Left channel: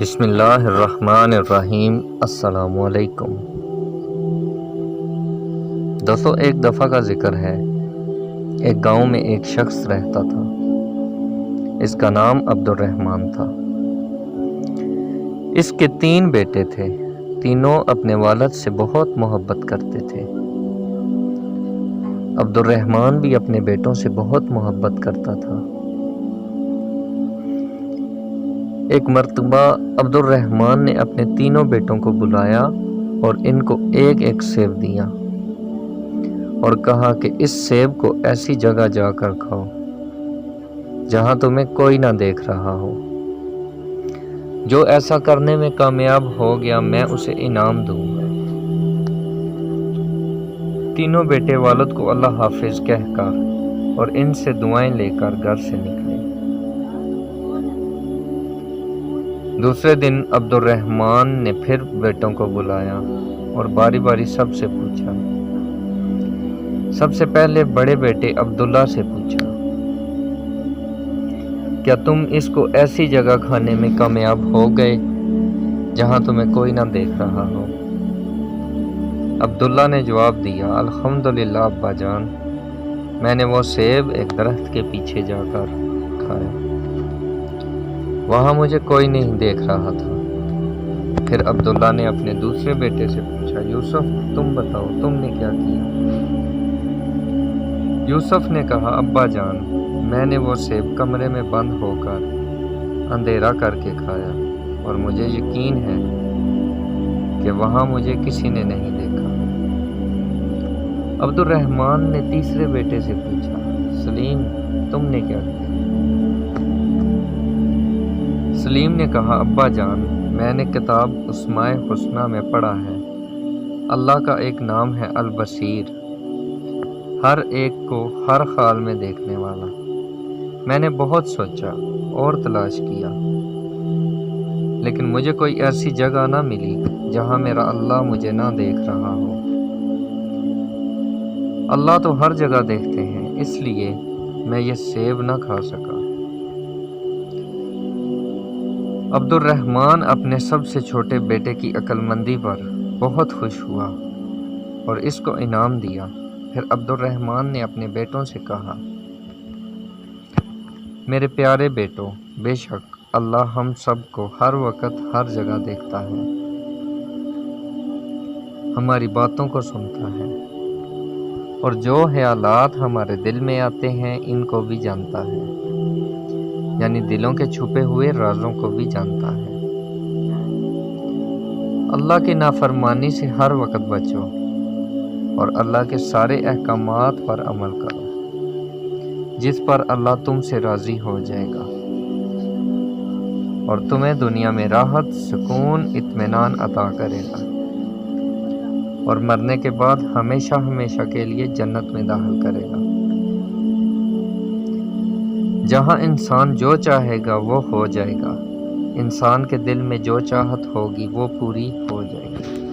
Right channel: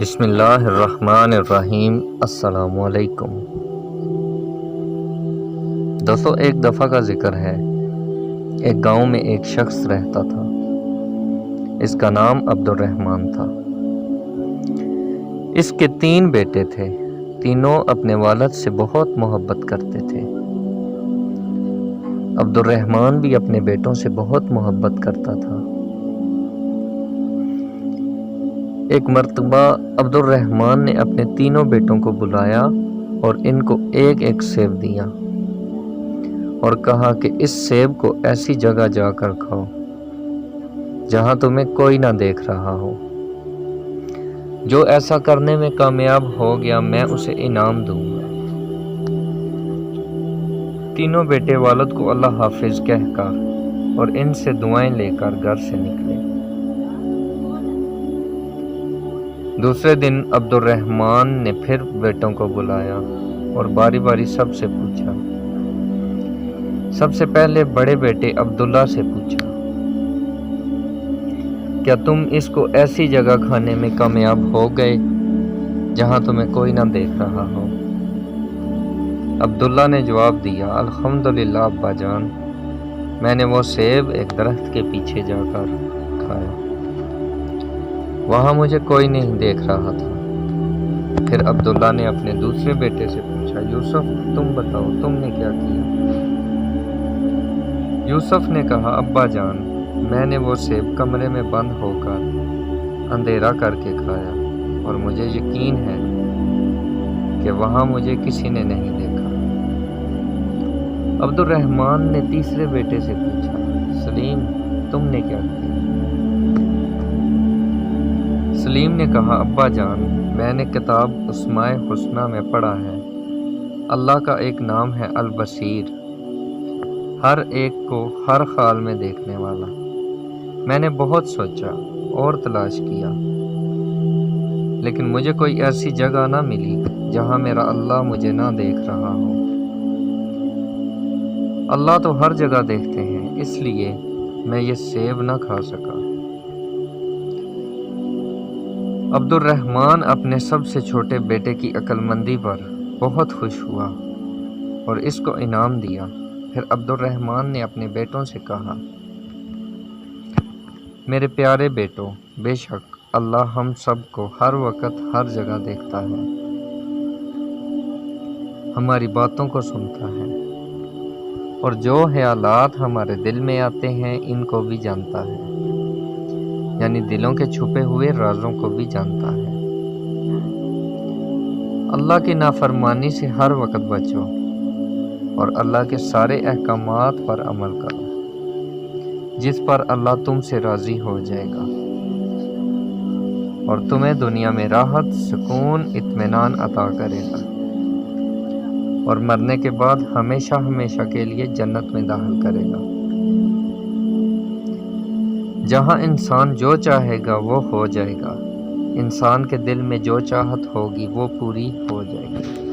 بسم اللہ الرحمن الرحیم۔ السلام علیکم دوستو، ایک دفعہ کا ذکر ہے۔ ایک گاؤں میں ایک شخص رہتا تھا۔ اس کا نام عبد الرحمن تھا۔ اس کے 3 بیٹے تھے۔ تینوں اپنے والد سے بہت محبت کرتے تھے۔ عبد الرحمن بھی اپنے بیٹوں سے بہت محبت کرتا تھا۔ ایک مرتبہ عبد الرحمن نے اپنے تینوں بیٹوں کو بلایا اور ان کو ایک ایک سیب دیا اور کہا کہ اس سیب کو ایسی جگہ جا کر کھاؤ جہاں تمہیں کوئی نہ دیکھ رہا ہو۔ جو ایسا کرنے میں کامیاب ہو گیا میں اسے انعام دوں گا۔ تینوں بیٹے والد کو اللہ حافظ کہہ کر اور ان سے دعائیں لے کر گھر سے نکلے۔ دوسرے دن عبد الرحمن نے پھر بیٹوں کو بلایا اور باری باری سب سے پوچھا۔ سب سے پہلے بڑے بیٹے عبداللہ سے پوچھا، کیا تم اس کو ایسی جگہ کھانے میں کامیاب ہو گئے جہاں تمہیں کوئی نہ دیکھ رہا ہو؟ عبداللہ نے جواب دیا، الحمدللہ ابا جان، میں نے وہ سیب ایک درخت کے پیچھے جا کر کھایا، وہاں مجھے کوئی نہیں دیکھ رہا تھا۔ پھر عبداللہ نے اپنے دوسرے بیٹے سے پوچھا، یوسف تم بتاؤ تم نے کیا کیا؟ یوسف نے کہا، ابا جان، میں نے وہ سیب کمرے میں بند ہو کر اندھیرا کر کے کھایا اور مجھے یقین ہے کہ وہاں مجھے کسی نے نہیں دیکھا۔ عبد الرحمن نے تیسرے بیٹے سے پوچھا، سلیم تم نے کیا کیا؟ سلیم نے کہا، ابا جان، میں نے کتاب اسماء الحسنی میں پڑھا ہے، اللہ کا ایک نام ہے البصیر، ہر ایک کو ہر حال میں دیکھنے والا۔ میں نے بہت سوچا اور تلاش کیا لیکن مجھے کوئی ایسی جگہ نہ ملی جہاں میرا اللہ مجھے نہ دیکھ رہا ہو۔ اللہ تو ہر جگہ دیکھتے ہیں، اس لیے میں یہ سیب نہ کھا سکا۔ عبد الرحمن اپنے سب سے چھوٹے بیٹے کی عقل مندی پر بہت خوش ہوا اور اس کو انعام دیا۔ پھر عبد الرحمن نے اپنے بیٹوں سے کہا، میرے پیارے بیٹوں، بے شک اللہ ہم سب کو ہر وقت ہر جگہ دیکھتا ہے، ہماری باتوں کو سنتا ہے اور جو خیالات ہمارے دل میں آتے ہیں ان کو بھی جانتا ہے، یعنی دلوں کے چھپے ہوئے رازوں کو بھی جانتا ہے۔ اللہ کی نافرمانی سے ہر وقت بچو اور اللہ کے سارے احکامات پر عمل کرو جس پر اللہ تم سے راضی ہو جائے گا اور تمہیں دنیا میں راحت، سکون، اطمینان عطا کرے گا اور مرنے کے بعد ہمیشہ ہمیشہ کے لیے جنت میں داخل کرے گا، جہاں انسان جو چاہے گا وہ ہو جائے گا، انسان کے دل میں جو چاہت ہوگی وہ پوری ہو جائے گی۔